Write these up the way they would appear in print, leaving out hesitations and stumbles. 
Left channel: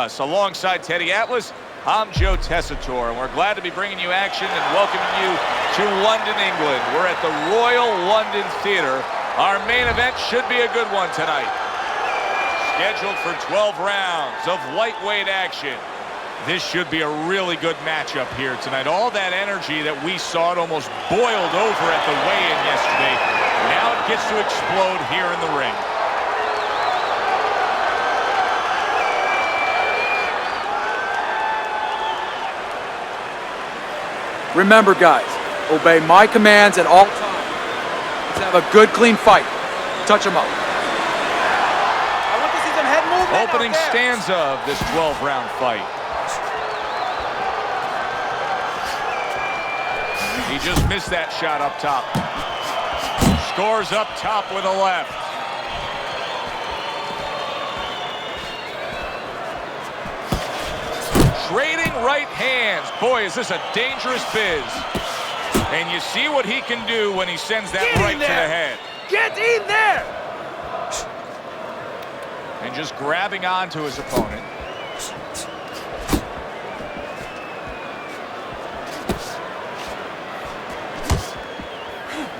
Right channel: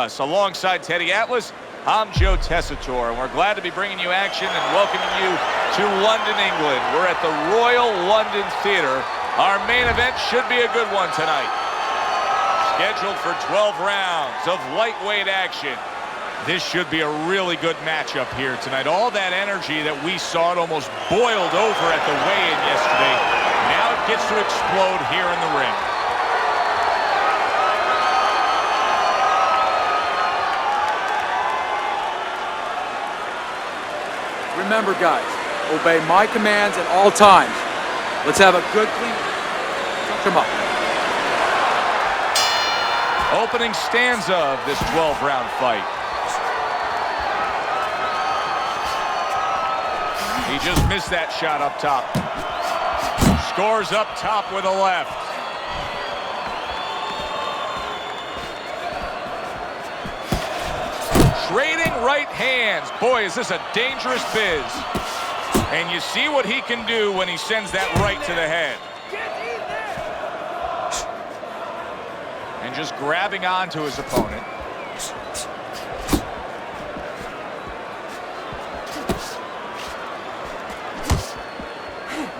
Alongside Teddy Atlas, I'm Joe Tessitore, and we're glad to be bringing you action and welcoming you to London, England. We're at the Royal London Theatre. Our main event should be a good one tonight. Scheduled for 12 rounds of lightweight action. This should be a really good matchup here tonight. All that energy that we saw, it almost boiled over at the weigh-in yesterday. Now it gets to explode here in the ring. Remember, guys, obey my commands at all times. Let's have a good, clean fight. Touch them up. Opening stanza of this 12-round fight. He just missed that shot up top. Scores up top with a left. Trading right hands. Boy, is this a dangerous biz. And you see what he can do when he sends that right to the head. Get in there! And just grabbing onto his opponent.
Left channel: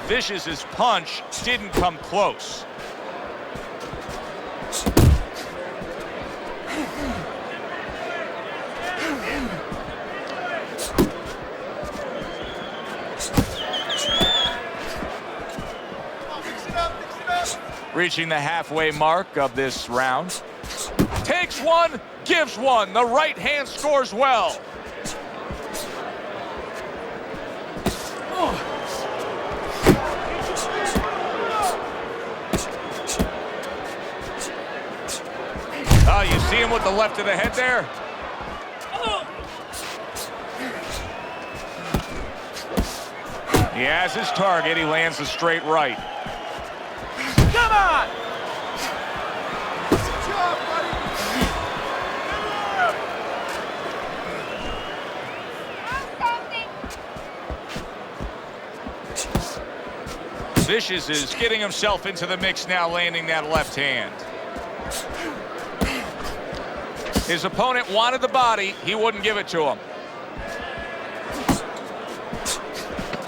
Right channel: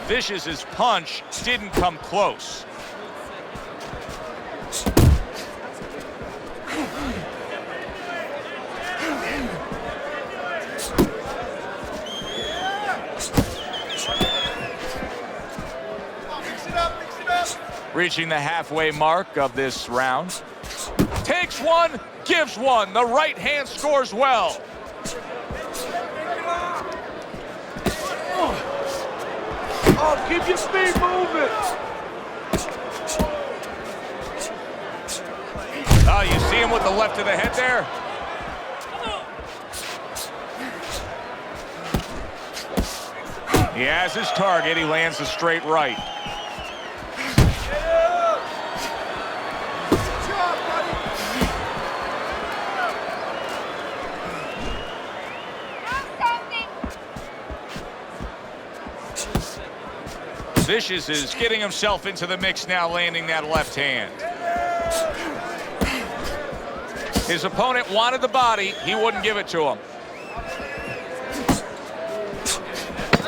Vicious's punch didn't come close. Reaching the halfway mark of this round. Takes one, gives one. The right hand scores well. Keep your speed moving. Oh, you see him with the left of the head there? He has his target. He lands a straight right. Come on! Good job, buddy. Vicious is getting himself into the mix now, landing that left hand. His opponent wanted the body. He wouldn't give it to him.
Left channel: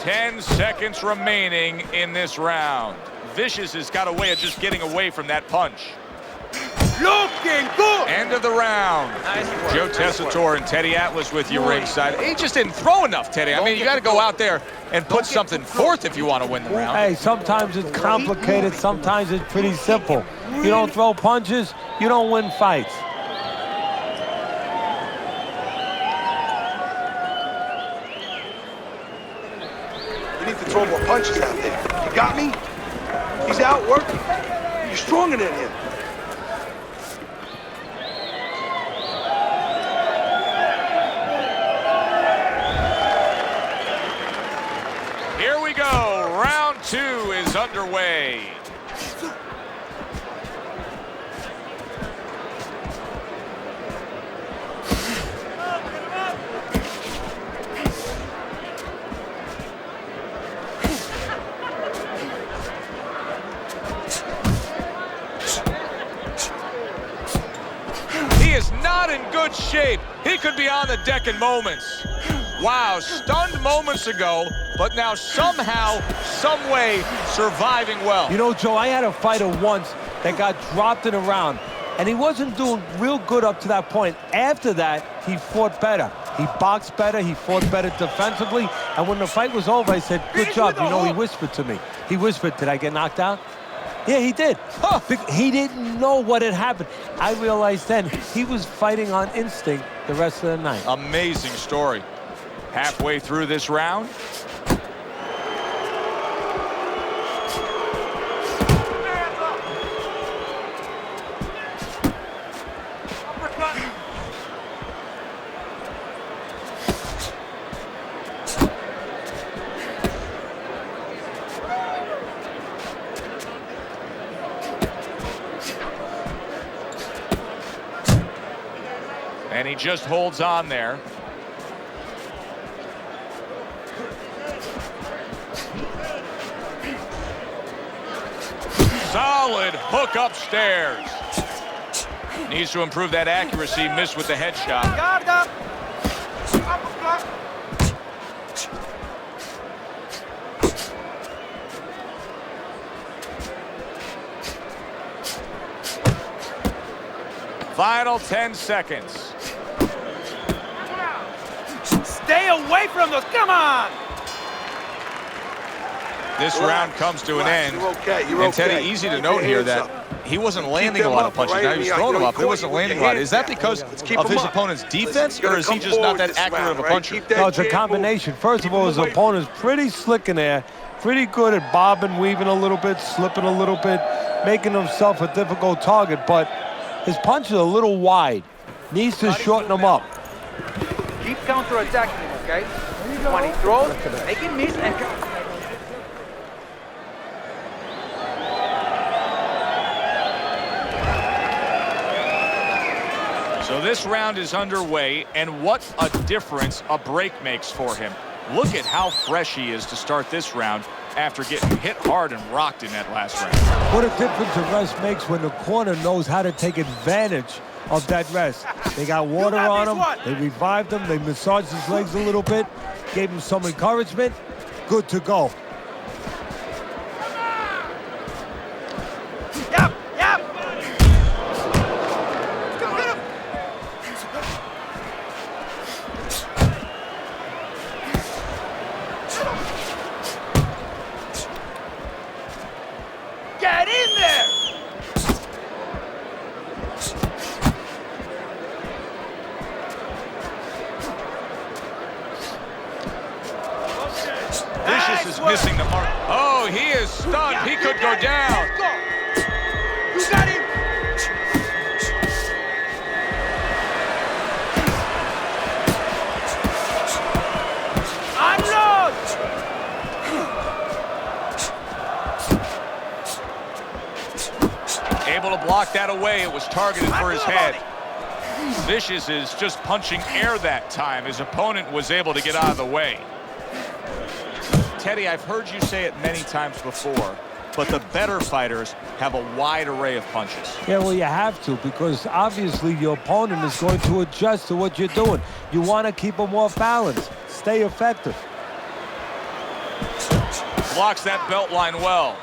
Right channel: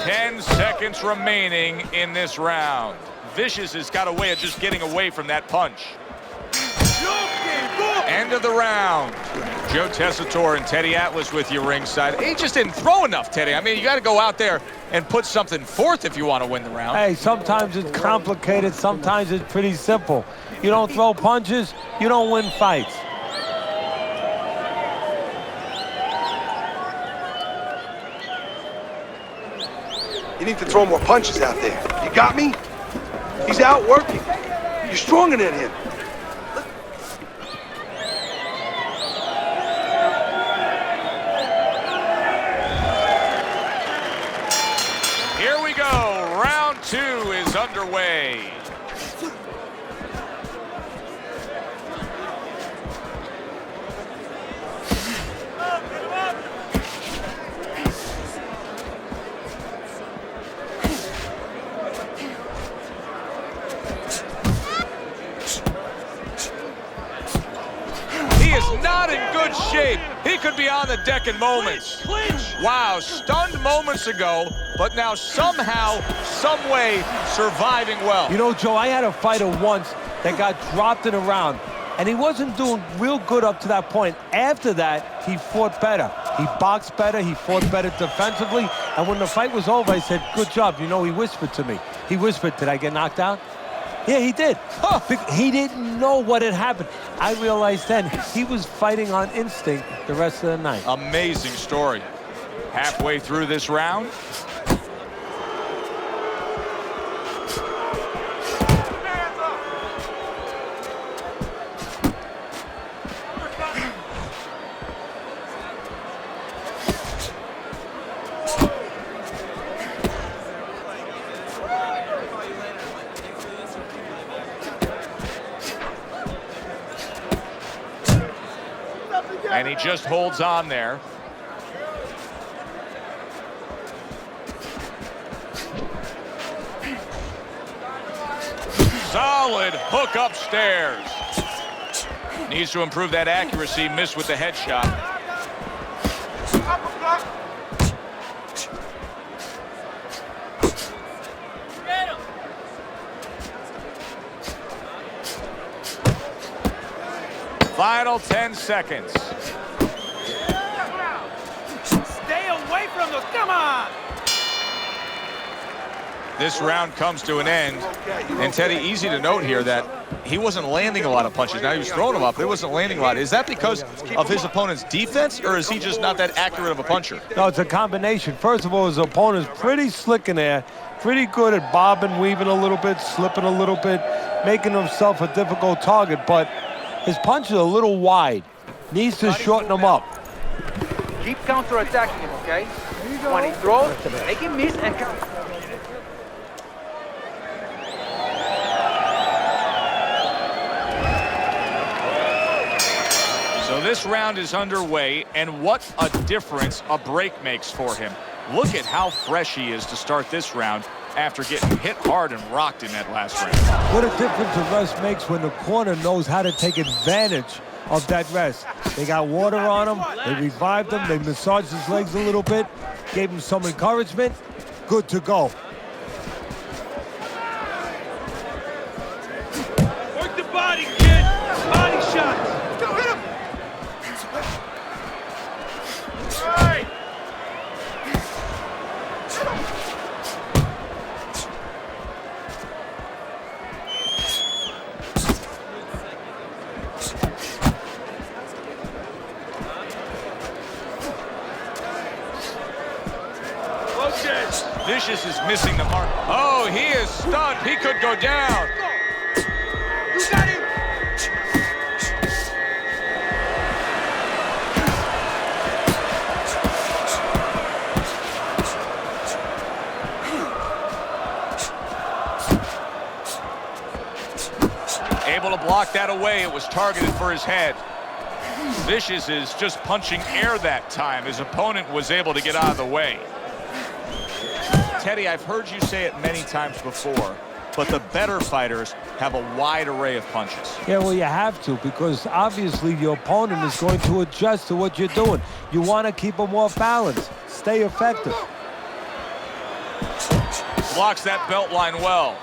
10 seconds remaining in this round. Vicious has got a way of just getting away from that punch. Looking good! End of the round. Joe Tessitore and Teddy Atlas with you ringside. He just didn't throw enough, Teddy. I mean, you got to go out there and put something forth if you want to win the round. Hey, sometimes it's complicated, sometimes it's pretty simple. You don't throw punches, you don't win fights. You need to throw more punches out there. You got me? He's out working. You're stronger than him. Here we go. Round 2 is underway. He is not in good shape. He could be on the deck in moments. Wow, stunned moments ago, but now somehow, some way, surviving well. You know, Joe, I had a fighter once that got dropped in a round, and he wasn't doing real good up to that point. After that, he fought better. He boxed better, he fought better defensively, and when the fight was over, I said, good job. You know, he whispered to me. He whispered, did I get knocked out? Yeah, he did. Huh. He didn't know what had happened. I realized then he was fighting on instinct the rest of the night. Amazing story. Halfway through this round. And he just holds on there. Solid hook upstairs. Needs to improve that accuracy. Missed with the headshot. Guarda. Final 10 seconds. Stay away from those. Come on. This round comes to an end. You're okay. You're And Teddy, okay. easy to note here that he wasn't landing a lot of punches. Now he was throwing them up. He wasn't landing a lot. Is that because of his opponent's defense, or is he just not that accurate of a puncher? No, it's a combination. First of all, his opponent's pretty slick in there, pretty good at bobbing, weaving a little bit, slipping a little bit, making himself a difficult target, but his punch is a little wide. Needs to shorten them up. Keep counterattacking him, okay? There you go. When he throws, make him miss and... So this round is underway, and what a difference a break makes for him. Look at how fresh he is to start this round after getting hit hard and rocked in that last round. What a difference a rest makes when the corner knows how to take advantage of that rest. They got water on him, they revived him, they massaged his legs a little bit, gave him some encouragement. Good to go. Yep. Body, kid. Body shots. Right. Get in there. Vicious is missing the mark. Oh, he is stunned. He could go down. Let's go. You got him. Unload. Able to block that away. It was targeted for his head. Vicious is just punching air that time. His opponent was able to get out of the way. Teddy, I've heard you say it many times before, but the better fighters have a wide array of punches. Yeah, well, you have to, because obviously your opponent is going to adjust to what you're doing. You want to keep them off balance. Stay effective. Blocks that belt line well.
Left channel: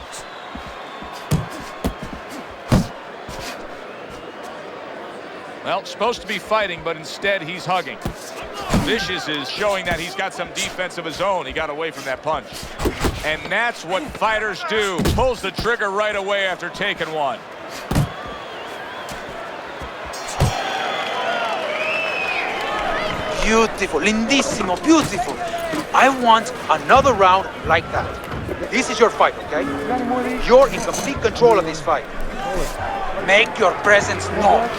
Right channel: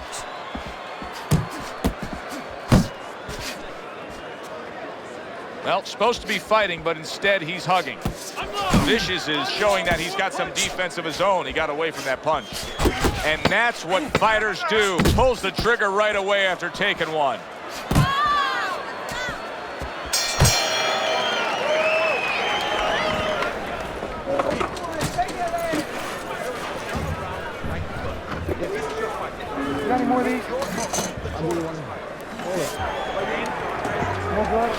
Well, supposed to be fighting, but instead he's hugging. Vicious is showing that he's got some defense of his own. He got away from that punch. And that's what fighters do. Pulls the trigger right away after taking one. Beautiful, lindissimo, beautiful. I want another round like that. This is your fight, okay? You're in complete control of this fight. Make your presence known.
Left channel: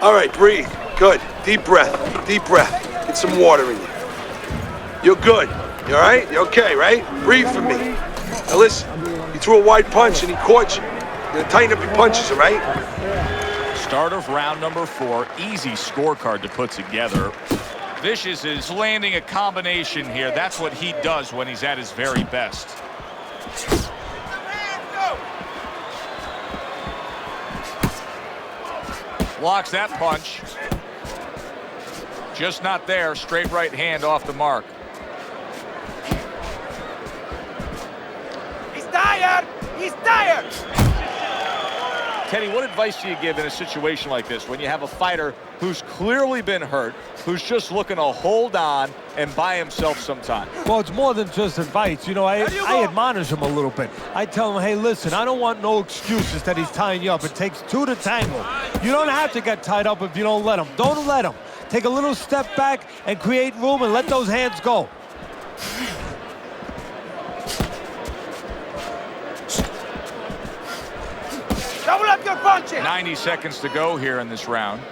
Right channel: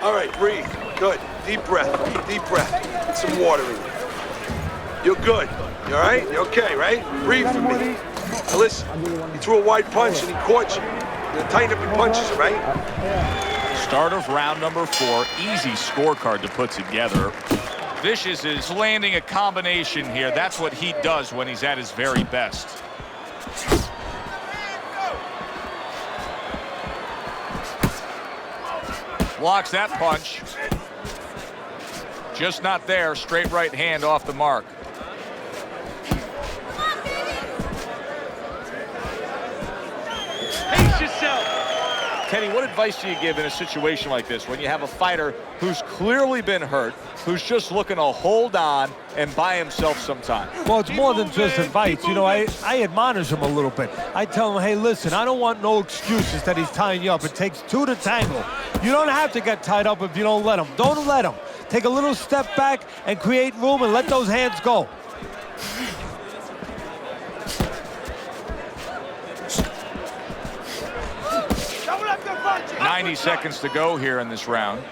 All right, breathe. Good. Deep breath. Deep breath. Get some water in you. You're good. You all right? You okay, right? Breathe for me. Now listen, you threw a wide punch and he caught you. You're gonna tighten up your punches, all right? Start of round number 4. Easy scorecard to put together. Vicious is landing a combination here. That's what he does when he's at his very best. Blocks that punch. Just not there. Straight right hand off the mark. He's tired. He's tired. Pace yourself. Teddy, what advice do you give in a situation like this when you have a fighter who's clearly been hurt, who's just looking to hold on and buy himself some time? Well, it's more than just advice. You know, I admonish him a little bit. I tell him, hey, listen, I don't want no excuses that he's tying you up. It takes two to tango. You don't have to get tied up if you don't let him. Don't let him. Take a little step back and create room and let those hands go. Double up your punches. 90 seconds to go here in this round.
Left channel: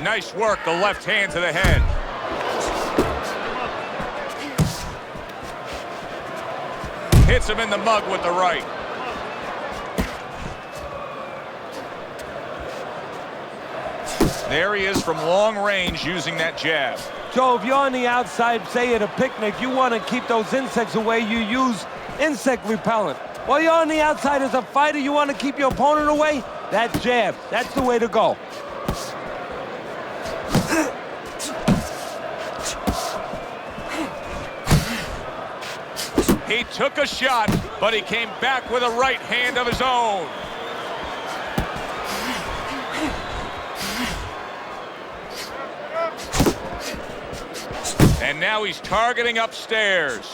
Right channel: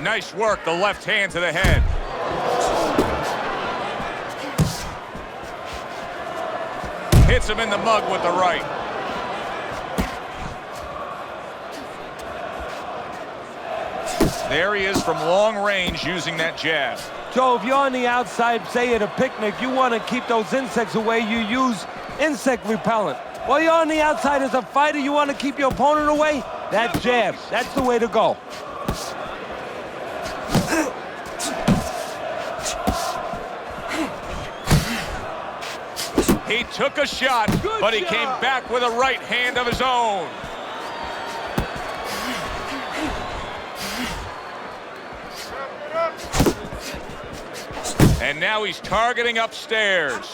Nice work, the left hand to the head. Hits him in the mug with the right. There he is from long range using that jab. Joe, if you're on the outside, say at a picnic, you want to keep those insects away, you use insect repellent. While you're on the outside as a fighter, you want to keep your opponent away, that jab, that's the way to go. He took a shot, but he came back with a right hand of his own. And now he's targeting upstairs.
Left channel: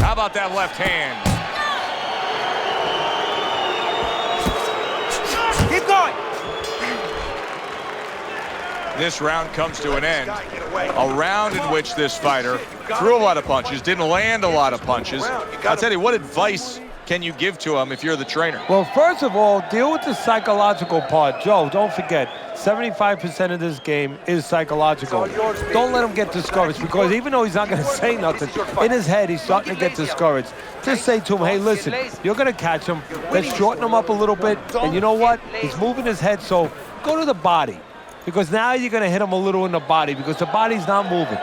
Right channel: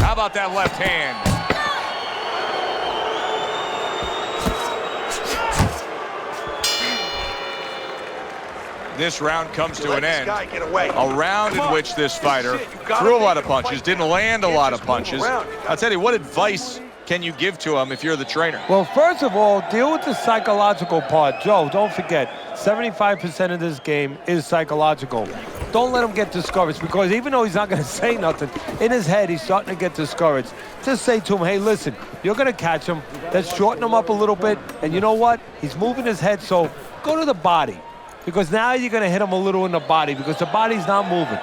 How about that left hand? Keep going. This round comes to an end. Guy, get away. A round in which this fighter threw a lot of punches, didn't land a lot of punches. I'll tell you, what advice can you give to him if you're the trainer? Well, first of all, deal with the psychological part. Joe, don't forget, 75% of this game is psychological. Don't let him get discouraged, because even though he's not going to say nothing, in his head, he's starting to get discouraged. Just say to him, hey, listen, you're going to catch him. Let's shorten him up a little bit. And you know what? He's moving his head, so go to the body. Because now you're going to hit him a little in the body, because the body's not moving.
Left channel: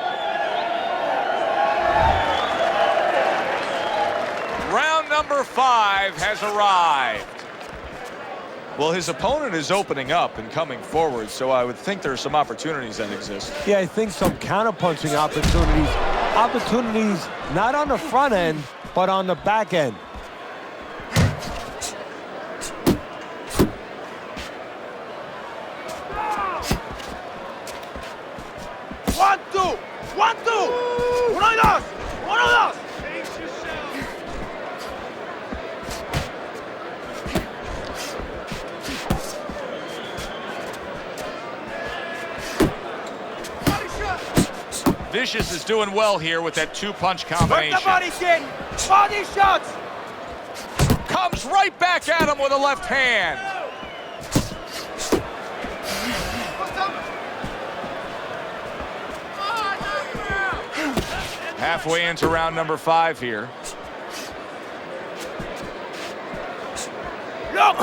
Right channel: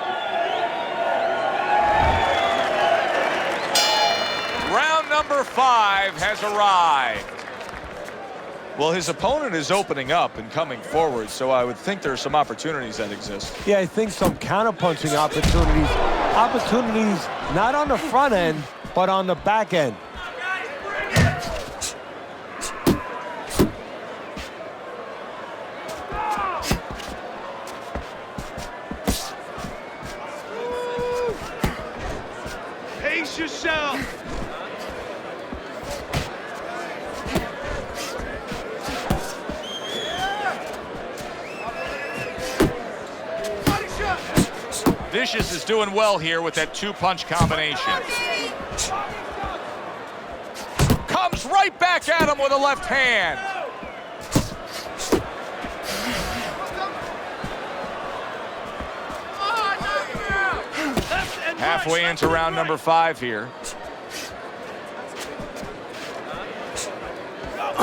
Round number 5 has arrived. Well, his opponent is opening up and coming forward, so I would think there are some opportunities that exist. Yeah, I think some counter-punching opportunities. Opportunities not on the front end, but on the back end. One, two. Uno, dos. Pace yourself. Vicious is doing well here with that 2-punch combination. Body shots. Comes right back at him with a left hand. Halfway into round number 5 here. Go.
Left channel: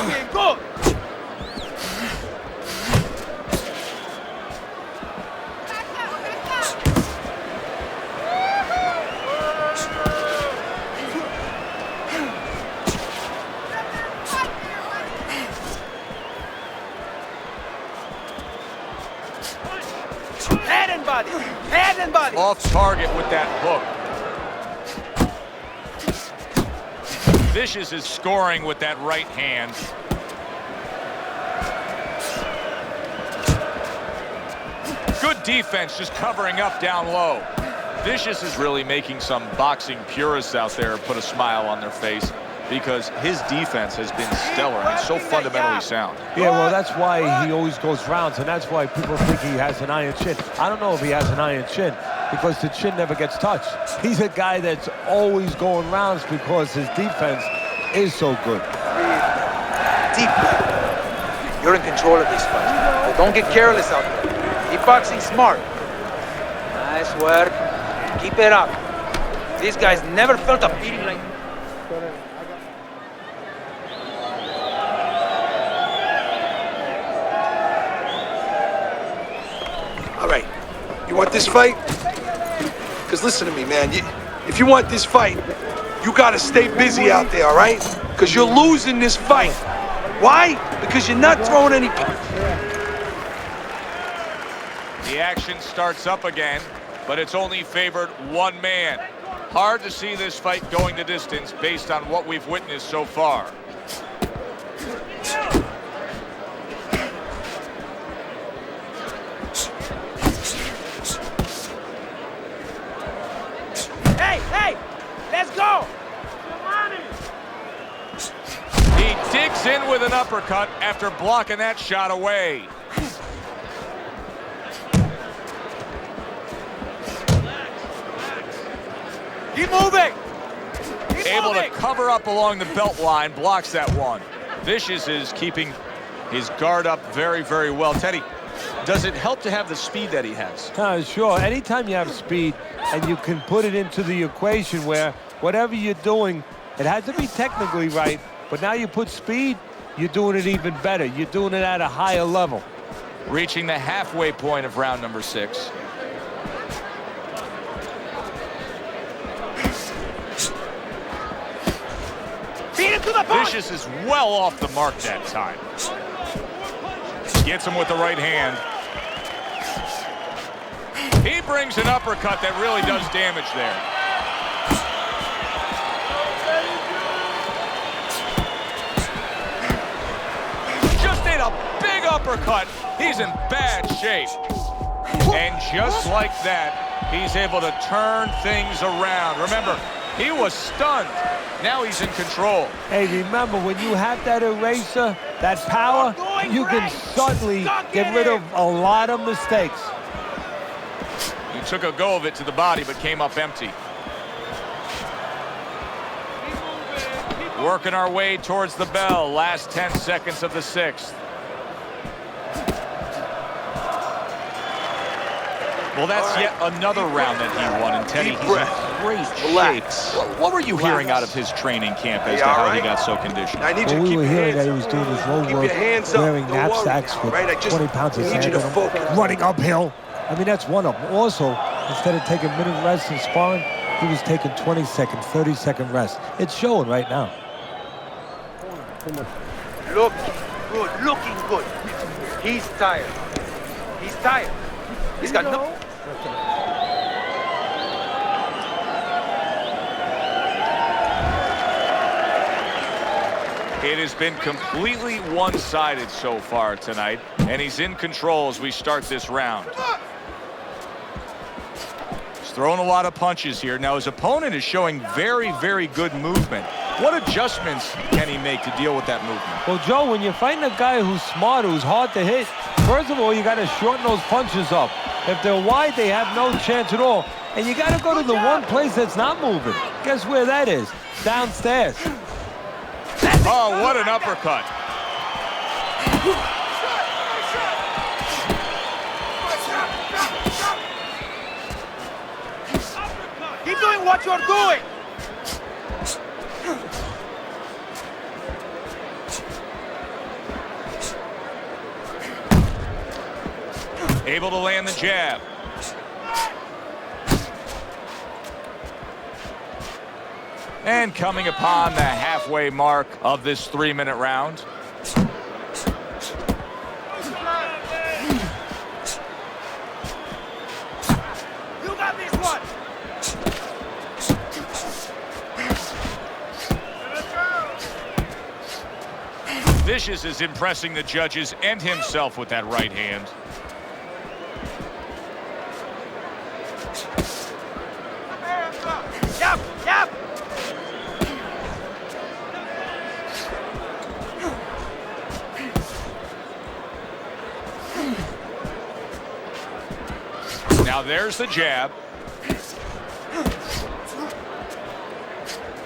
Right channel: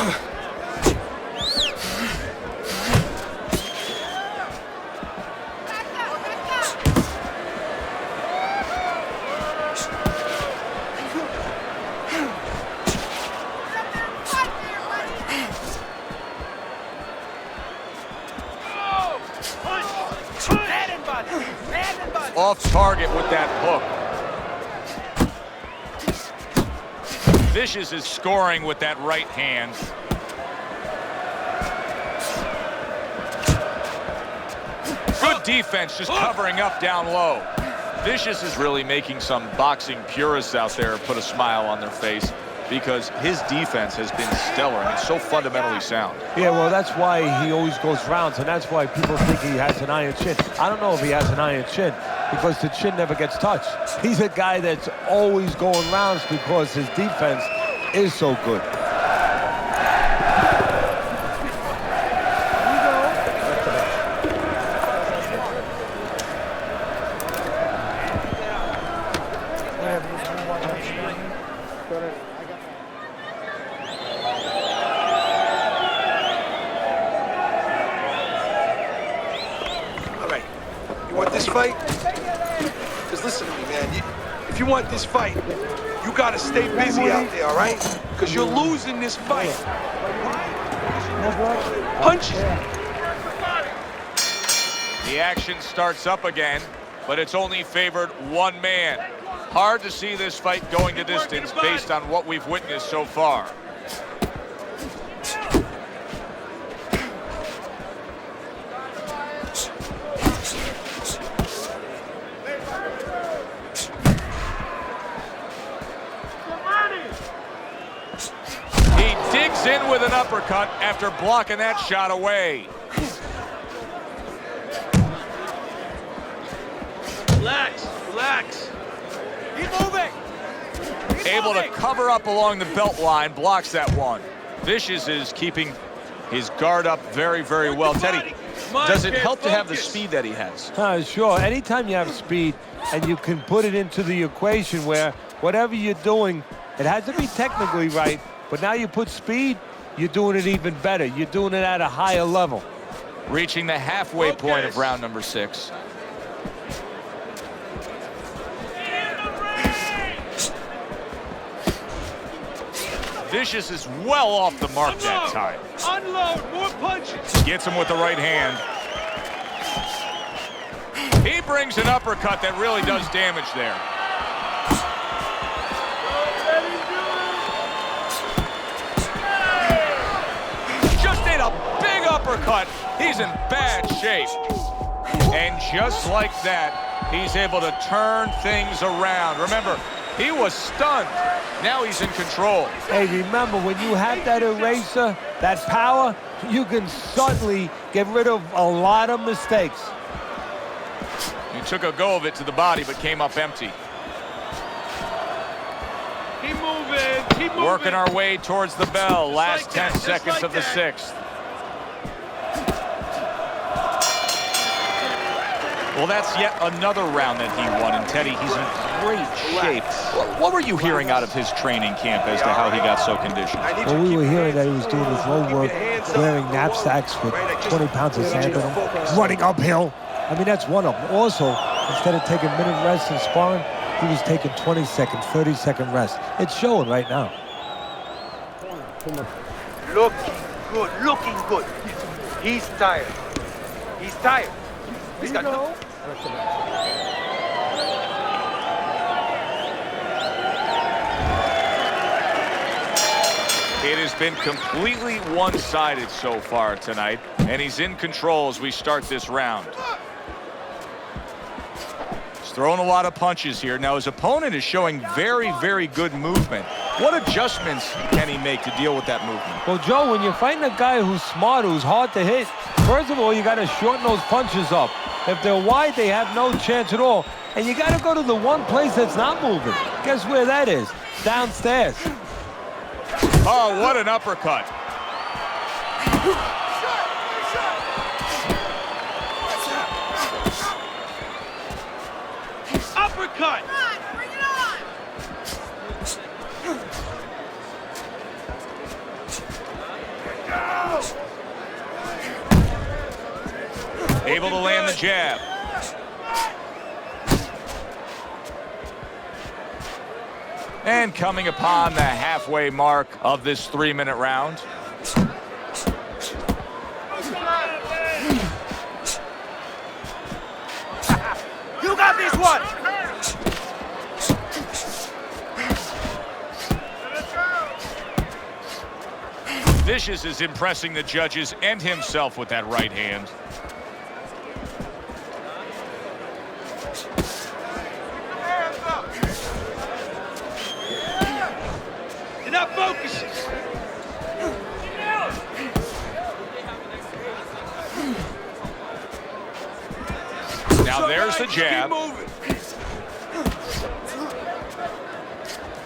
Head and body. Off target with that hook. Vicious is scoring with that right hand. Good defense, just covering up down low. Vicious is really making some boxing purists out there put a smile on their face, because his defense has been stellar and so fundamentally sound. Yeah, well, that's why he always goes rounds, and that's why people think he has an iron chin. I don't know if he has an iron chin, because the chin never gets touched. He's a guy that's always going rounds because his defense is so good. You're in control of this fight. Don't get careless out there. Keep boxing smart. Nice work. Keep it up. These guys never felt a pain. All right, you want this fight? Because listen to me, man. If you want this fight, you got to stay busy out there, all right? Because you're losing this fight. Why? Because you're not throwing any punches. The action starts up again, but it's only favored one man. Hard to see this fight going the distance based on what we've witnessed so far. Digs in with an uppercut after blocking that shot away. Relax. Keep moving. Able to cover up along the belt line, blocks that one. Vicious is keeping his guard up very, very well. Teddy, does it help to have the speed that he has? Sure. Anytime you have speed and you can put it into the equation where whatever you're doing, it has to be technically right. But now you put speed, you're doing it even better. You're doing it at a higher level. Reaching the halfway point of round number 6. Vicious is well off the mark that time. Unload more punches. Gets him with the right hand. He brings an uppercut that really does damage there. Just ate a big uppercut. He's in bad shape. And just like that, he's able to turn things around. Remember, he was stunned. Now he's in control. Hey, remember, when you have that eraser, that power, you can suddenly get rid of a lot of mistakes. He took a go of it to the body, but came up empty. Keep moving. Keep Working our way towards the bell. Last 10 seconds of the 6th. Well, that's yet another round that he won, and Teddy, he's in great shape. What were you hearing out of his training camp as to how he got so conditioned? Well, we were hearing that he was doing his road work, wearing knapsacks with 20 pounds of sand in them, running uphill. I mean, that's one of them. Also, instead of taking minute rests in sparring, he was taking 20-second, 30-second rest. It's showing right now. Looking good, looking good. He's tired. He's tired. He's got no... It has been completely one-sided so far tonight, and he's in control as we start this round. He's throwing a lot of punches here. Now, his opponent is showing very, very good movement. What adjustments can he make to deal with that movement? Well, Joe, when you're fighting a guy who's smart, who's hard to hit, first of all, you got to shorten those punches up. If they're wide, they have no chance at all. And you got to go to the one place that's not moving. Guess where that is? Downstairs. Oh, what an uppercut. uppercut. Keep doing what you're doing. Able to land the jab. And coming upon the halfway mark of this 3-minute round. You got this one. Vicious is impressing the judges and himself with that right hand. Yep, yep. You're not focused. Now there's the jab.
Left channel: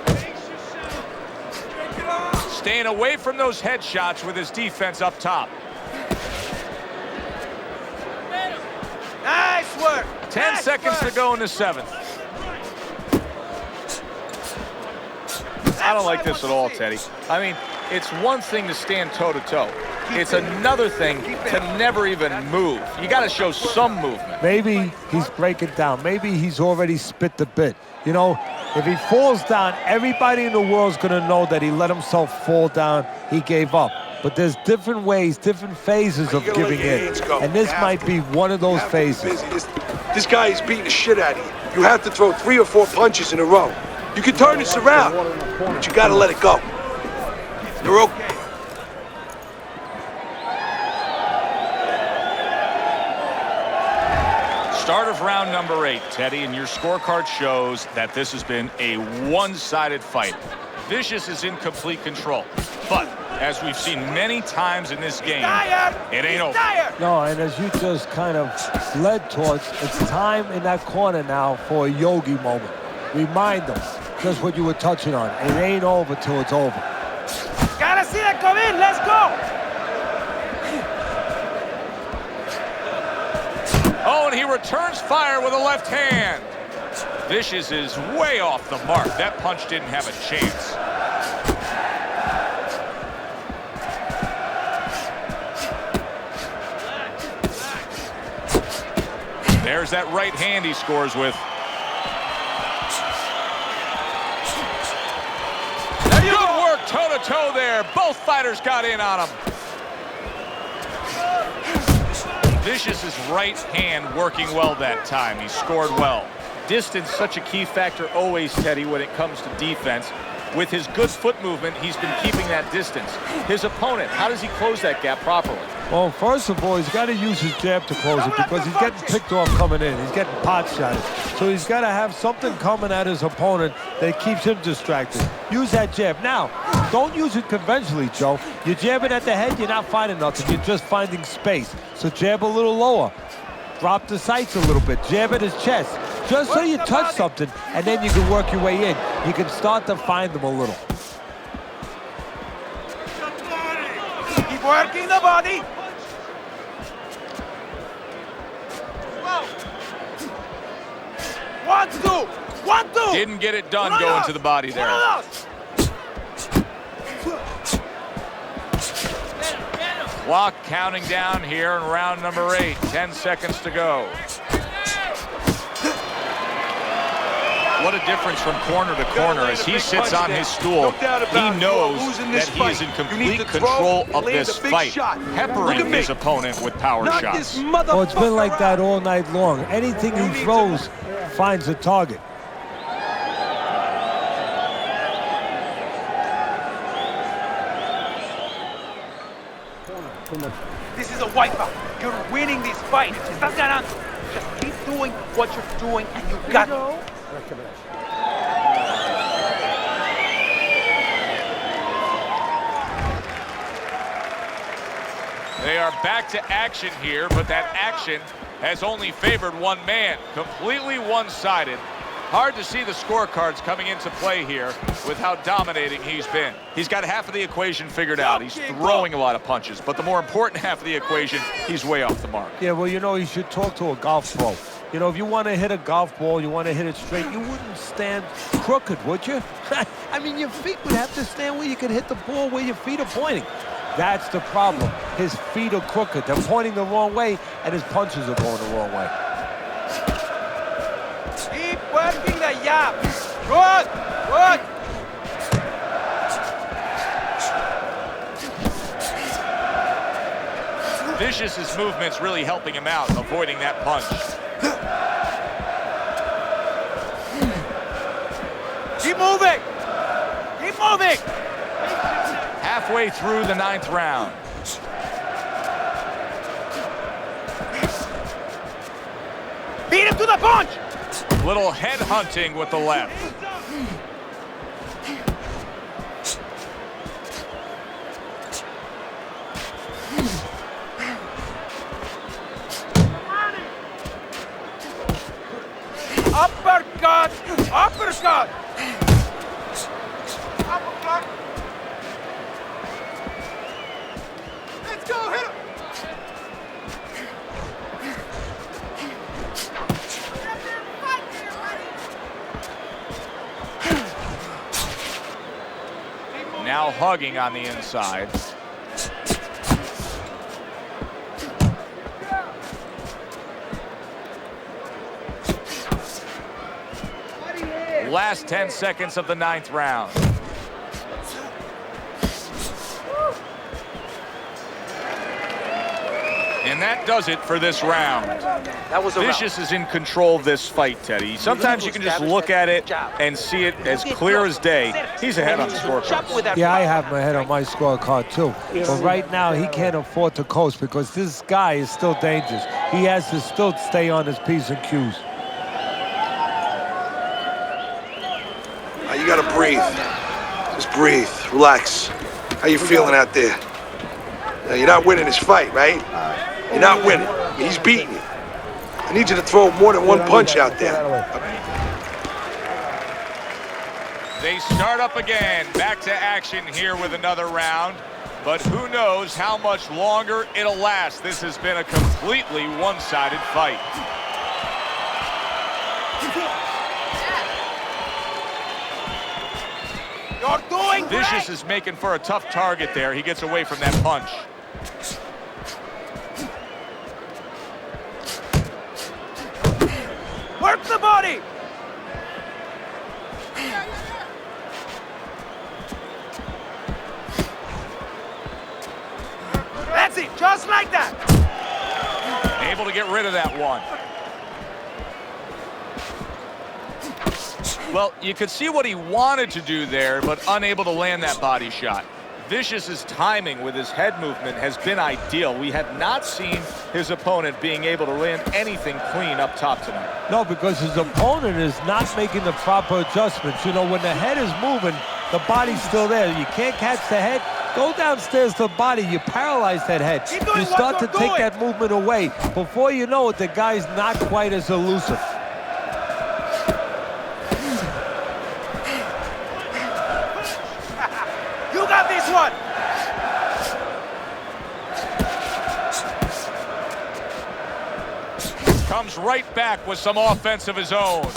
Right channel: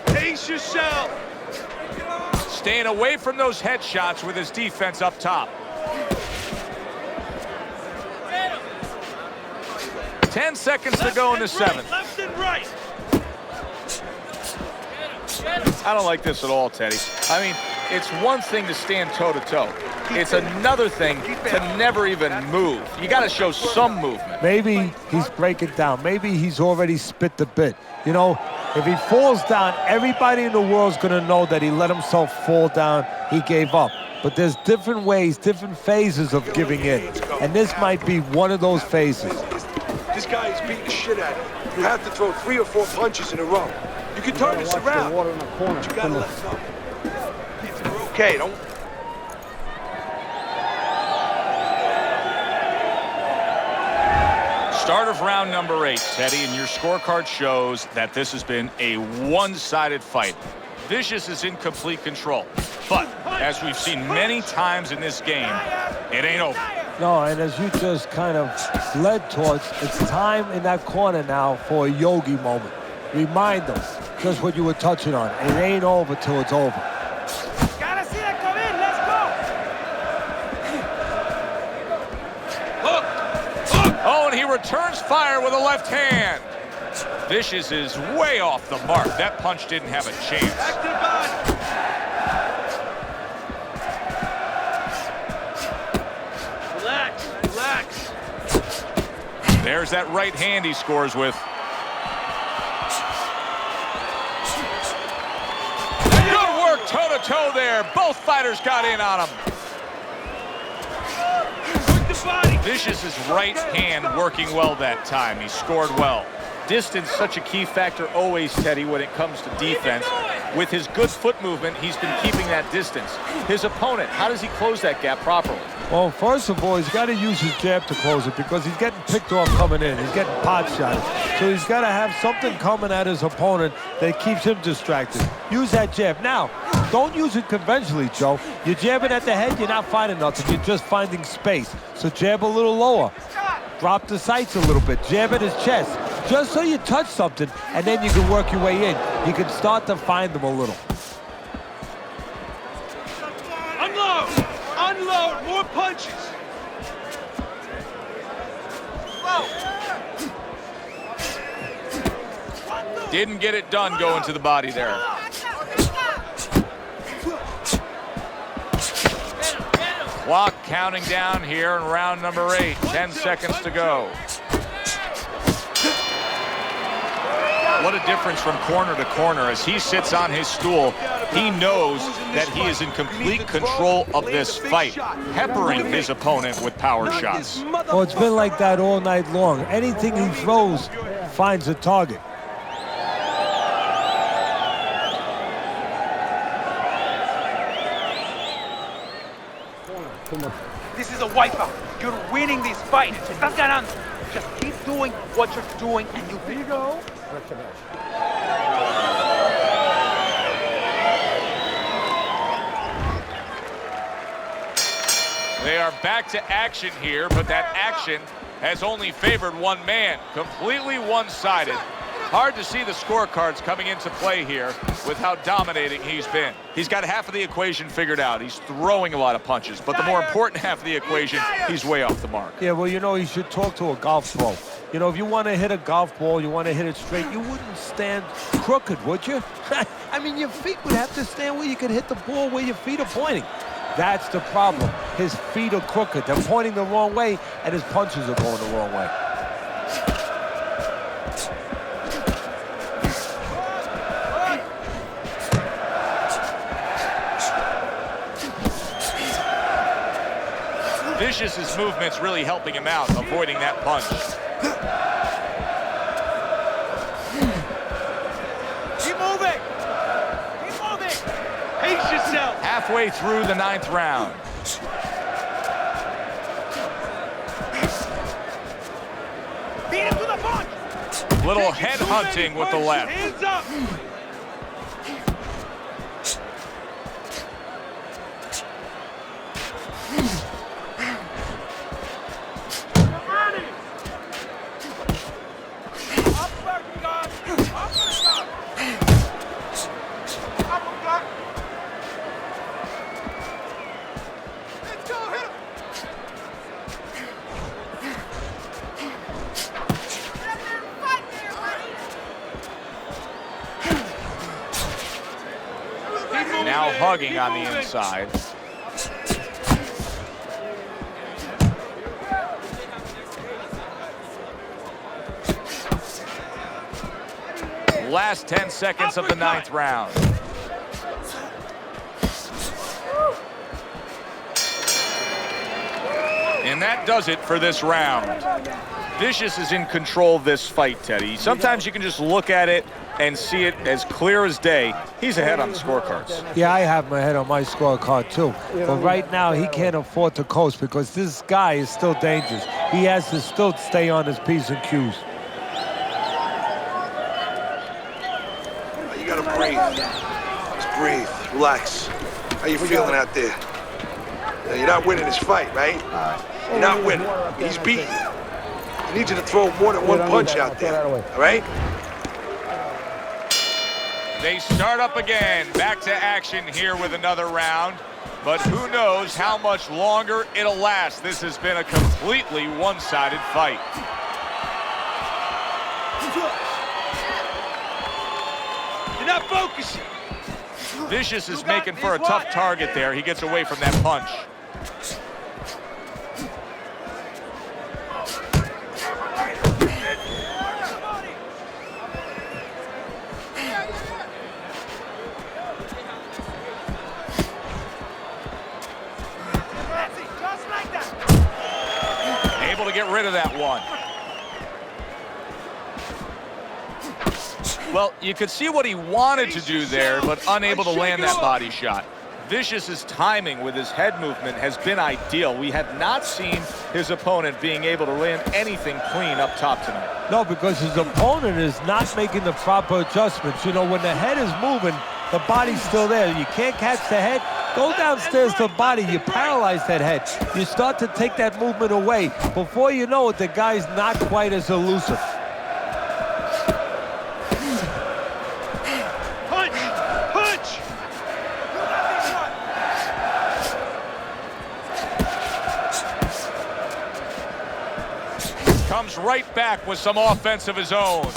Pace yourself. Staying away from those headshots with his defense up top. Nice work. 10 seconds to go in the 7th. Left and right. I don't like this at all, Teddy. I mean, it's one thing to stand toe-to-toe. It's another thing to never even move. You got to show some movement. Maybe he's breaking down. Maybe he's already spit the bit. You know, if he falls down, everybody in the world's going to know that he let himself fall down. He gave up. But there's different ways, different phases of giving in. And this might be one of those phases. This guy is beating the shit out of you. You have to throw 3 or 4 punches in a row. You can turn this around, but you got to let it go. You're okay. Don't... Start of round number 8, Teddy, and your scorecard shows that this has been a one-sided fight. Vicious is in complete control. But, as we've seen many times in this game, it ain't over. No, and as you just kind of led towards, it's time in that corner now for a yogi moment. Remind them just what you were touching on. It ain't over till it's over. Gotta see that come in. Let's go. Oh, and he returns fire with a left hand. Vicious is way off the mark. That punch didn't have a chance. There's that right hand he scores with. Good work, toe toe-to-toe there. Both fighters got in on him. Vicious's right hand working well that time. He scored well. Distance, such a key factor always, Teddy, when it comes to defense. With his good foot movement, he's been keeping that distance. His opponent, how does he close that gap properly? Well, first of all, he's got to use his jab to close it because he's getting picked off coming in. He's getting pot shotted. So he's got to have something coming at his opponent that keeps him distracted. Use that jab. Now, don't use it conventionally, Joe. You're jabbing at the head, you're not finding nothing. You're just finding space. So jab a little lower. Drop the sights a little bit. Jab at his chest. Just so you touch something, and then you can work your way in. You can start to find them a little. Unload. Keep working the body. More punches. One, two. One, two. Didn't get it done going to the body there. Clock counting down here in round number 8. 10 seconds to go. What a difference from corner to corner as he sits on his stool. He knows that he is in complete control of this fight, peppering his opponent with power shots. Oh, it's been like that all night long. Anything he throws finds a target. This is a wipeout. You're winning this fight. Estás ganando. Keep doing what you're doing, and you got it. They are back to action here, but that action has only favored one man. Completely one-sided. Hard to see the scorecards coming into play here with how dominating he's been. He's got half of the equation figured out. He's throwing a lot of punches, but the more important half of the equation, he's way off the mark. Yeah, well, you know, you should talk to a golf pro. You know, if you want to hit a golf ball, you want to hit it straight, you wouldn't stand crooked, would you? I mean, your feet would have to stand where you could hit the ball where your feet are pointing. That's the problem. His feet are crooked. They're pointing the wrong way, and his punches are going the wrong way. Keep working the jab. Good, good. Vicious's movement's really helping him out, avoiding that punch. Keep moving. Keep moving. Halfway through the 9th round. Beat him to the punch. Little head hunting with the left. Uppercut. Uppercut. Uppercut. Now hugging on the inside. Last 10 seconds of the 9th round. And that does it for this round. Vicious is in control of this fight, Teddy. Sometimes you can just look at it and see it as clear as day. He's ahead on the scorecards. Yeah, I have my head on my scorecard, too. But right now, he can't afford to coast because this guy is still dangerous. He has to still stay on his P's and Q's. You gotta breathe. Just breathe. Relax. How you feeling out there? Now, you're not winning this fight, right? You're not winning. He's beating you. I need you to throw more than one punch out there, all right? They start up again. Back to action here with another round. But who knows how much longer it'll last. This has been a completely one-sided fight. You're not focusing. You're doing Vicious is making for a tough target there. He gets away from that punch. Work the body. able to get rid of that one. Well, you could see what he wanted to do there, but unable to land that body shot. Vicious's timing with his head movement has been ideal. We have not seen his opponent being able to land anything clean up top tonight. No, because his opponent is not making the proper adjustments. You know, when the head is moving, the body's still there. You can't catch the head. Go downstairs to the body. You paralyze that head. You start to take that movement away. Before you know it, the guy's not quite as elusive. Comes right back with some offense of his own.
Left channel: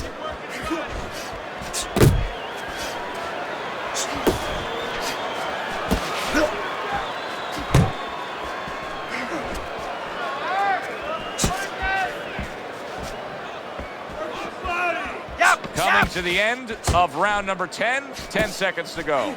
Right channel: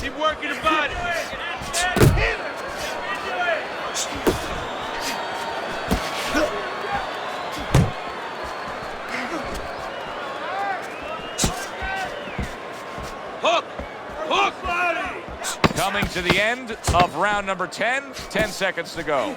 Keep working the body. Hook! Hook! Yep! Coming to the end of round number 10, 10 seconds to go.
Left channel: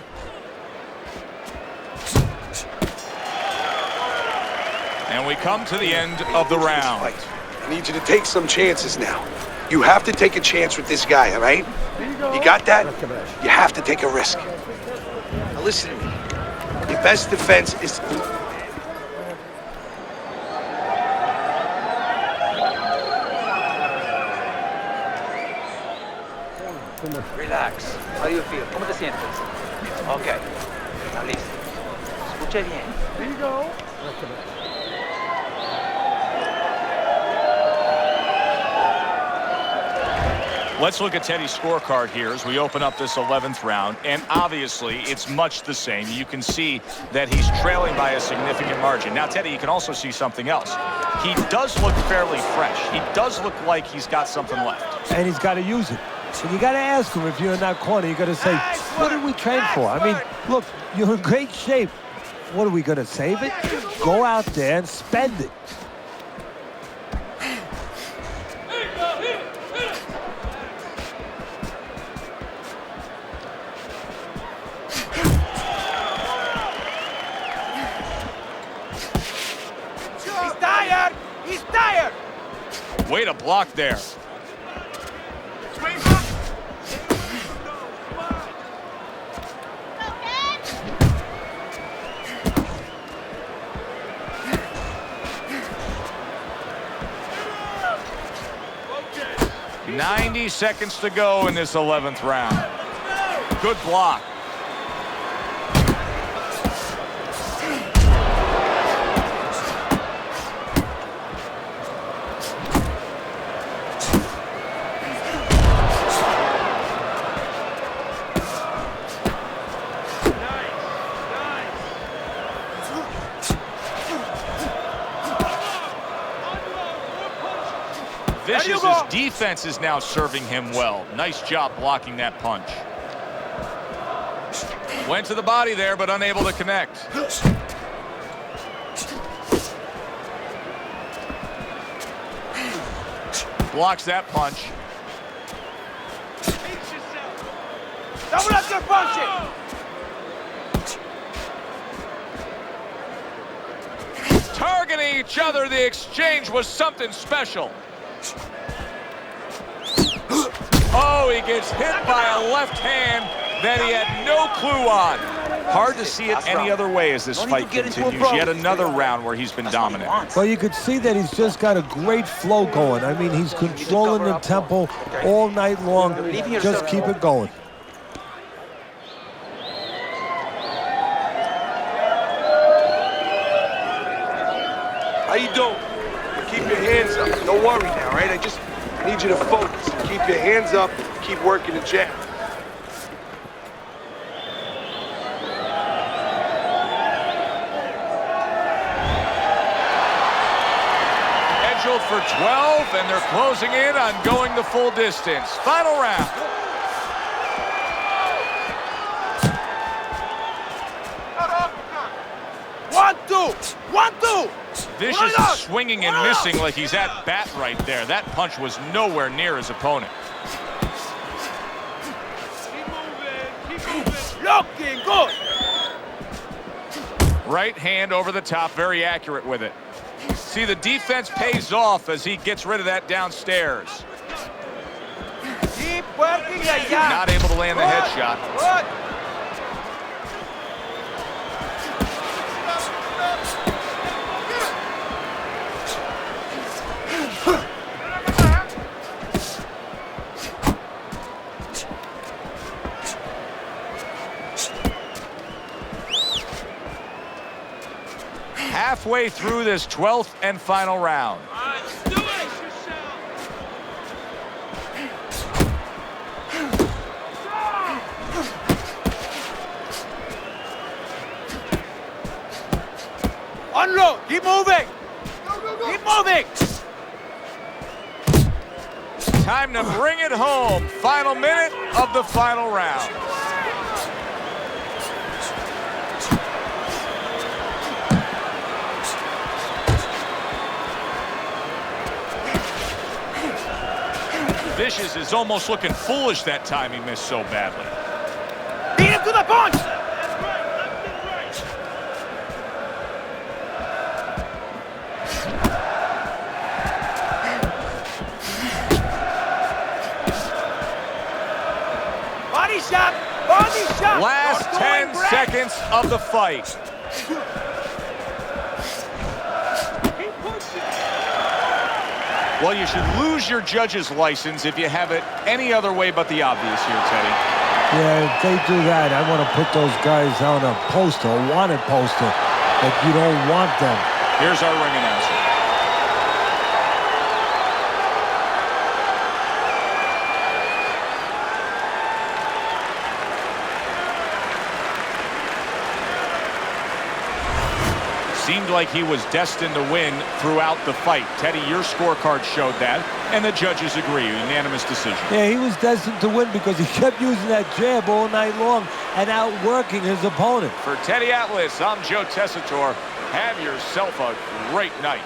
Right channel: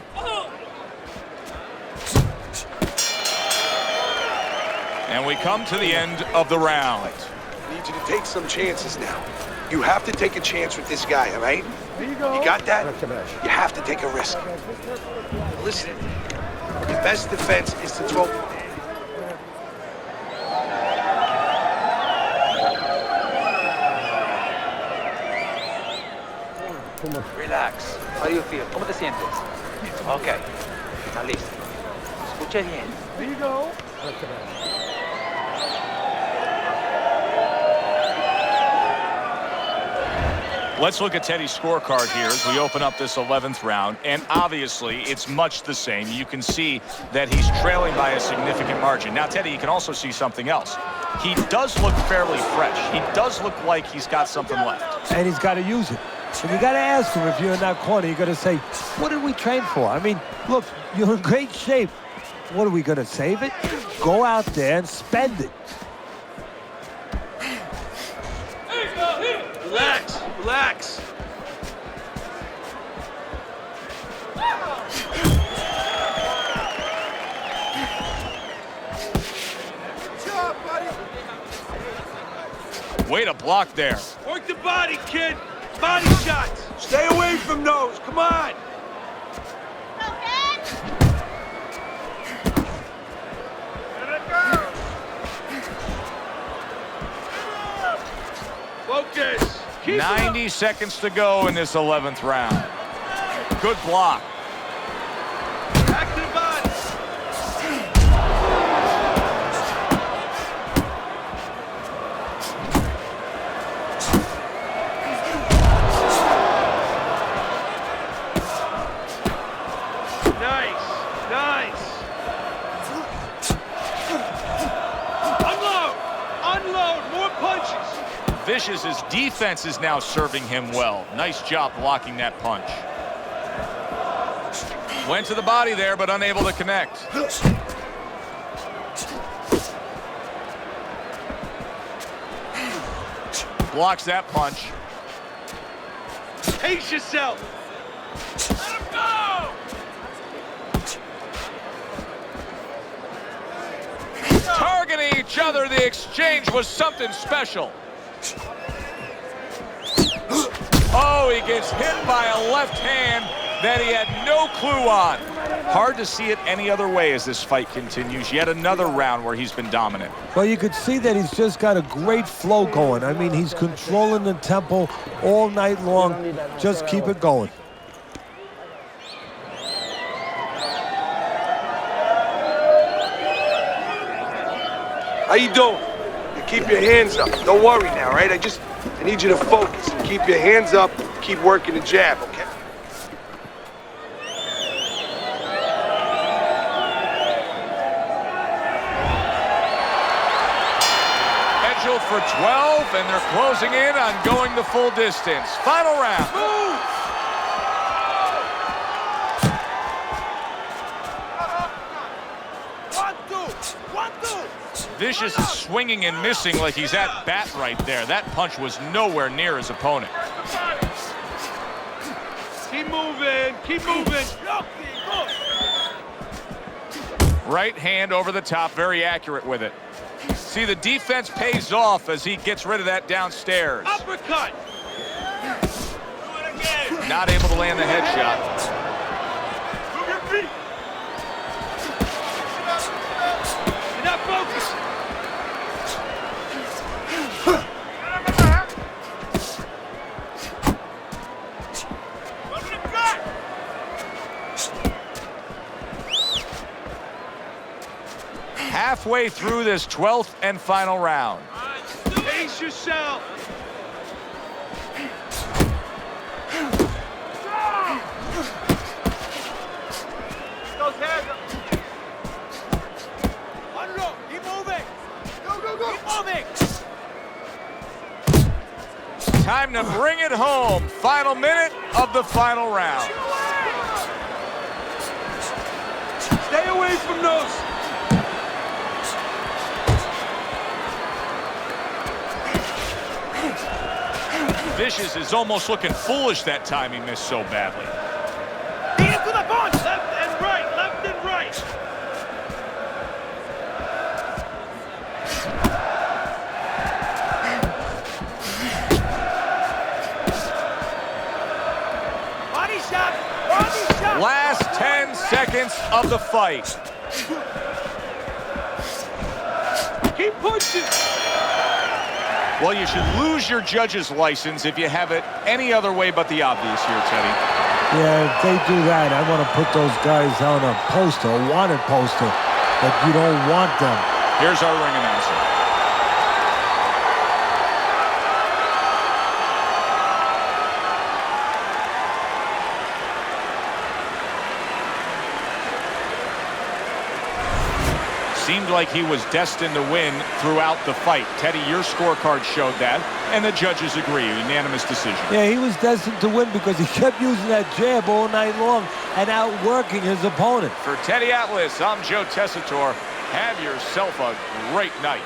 And we come to the end of the round. I need you to take some chances now. You have to take a chance with this guy, all right? You got that? You have to take a risk. Now listen to me. Your best defense is to throw. Relax. How do you feel? ¿Cómo te sientes? Ok. Está listo. Escuche bien. There you go. Let's look at Teddy's scorecard here as we open up this 11th round. And obviously, it's much the same. You can see that he's trailing by a significant margin. Now, Teddy, you can also see something else. He does look fairly fresh. He does look like he's got something left. And he's got to use it. And you got to ask him, if you're in that corner, you got to say, what did we train for? I mean, look, you're in great shape. What, are we going to save it? Go out there and spend it. Relax, relax. He's tired. He's tired. Way to block there. Work the body, kid. Body shots. Stay away from those. Come on. Focus. 90 seconds to go in this 11th round. Good block. Back to the body. Vicious's defense is now serving him well. Nice job blocking that punch. Went to the body there, but unable to connect. Blocks that punch. Pace yourself. Double up your punching. Targeting each other, the exchange was something special. Oh, he gets hit by a left hand that he had no clue on. Hard to see it any other way as this fight continues. Yet another round where he's been dominant. Well, you could see that he's just got a great flow going. I mean, he's controlling the tempo all night long. Just keep it going. How you doing? You keep your hands up. Don't worry now, right? I need you to focus and keep your hands up. Keep working the jab, okay? Scheduled for 12, and they're closing in on going the full distance. Final round. 1, 2, 1, 2. Vicious is swinging and missing like he's at bat right there. That punch was nowhere near his opponent. Blocking, good. Right hand over the top, very accurate with it. See, the defense pays off as he gets rid of that downstairs. Uppercut. Keep working the jab. Not able to land the headshot. Good. Move your feet. Mix it up, mix it up. Now focus. Halfway through this 12th and final round. Ace yourself. Unload. Keep moving. Go, go, go. Keep moving. Time to bring it home. Final minute of the final round. Stay away from those. Vicious is almost looking foolish that time he missed so badly. Beat him to the punch. Left, right, left, and right. Body shot. Body shot. Last Go 10 in, Brad. seconds of the fight. Keep pushing. Well, you should lose your judge's license if you have it any other way but the obvious here, Teddy. Yeah, if they do that, I want to put those guys on a poster, a wanted poster, that you don't want them. Here's our ring announcer. Seemed like he was destined to win throughout the fight. Teddy, your scorecard showed that, and the judges agree. Unanimous decision. Yeah, he was destined to win because he kept using that jab all night long and outworking his opponent. For Teddy Atlas, I'm Joe Tessitore. Have yourself a great night.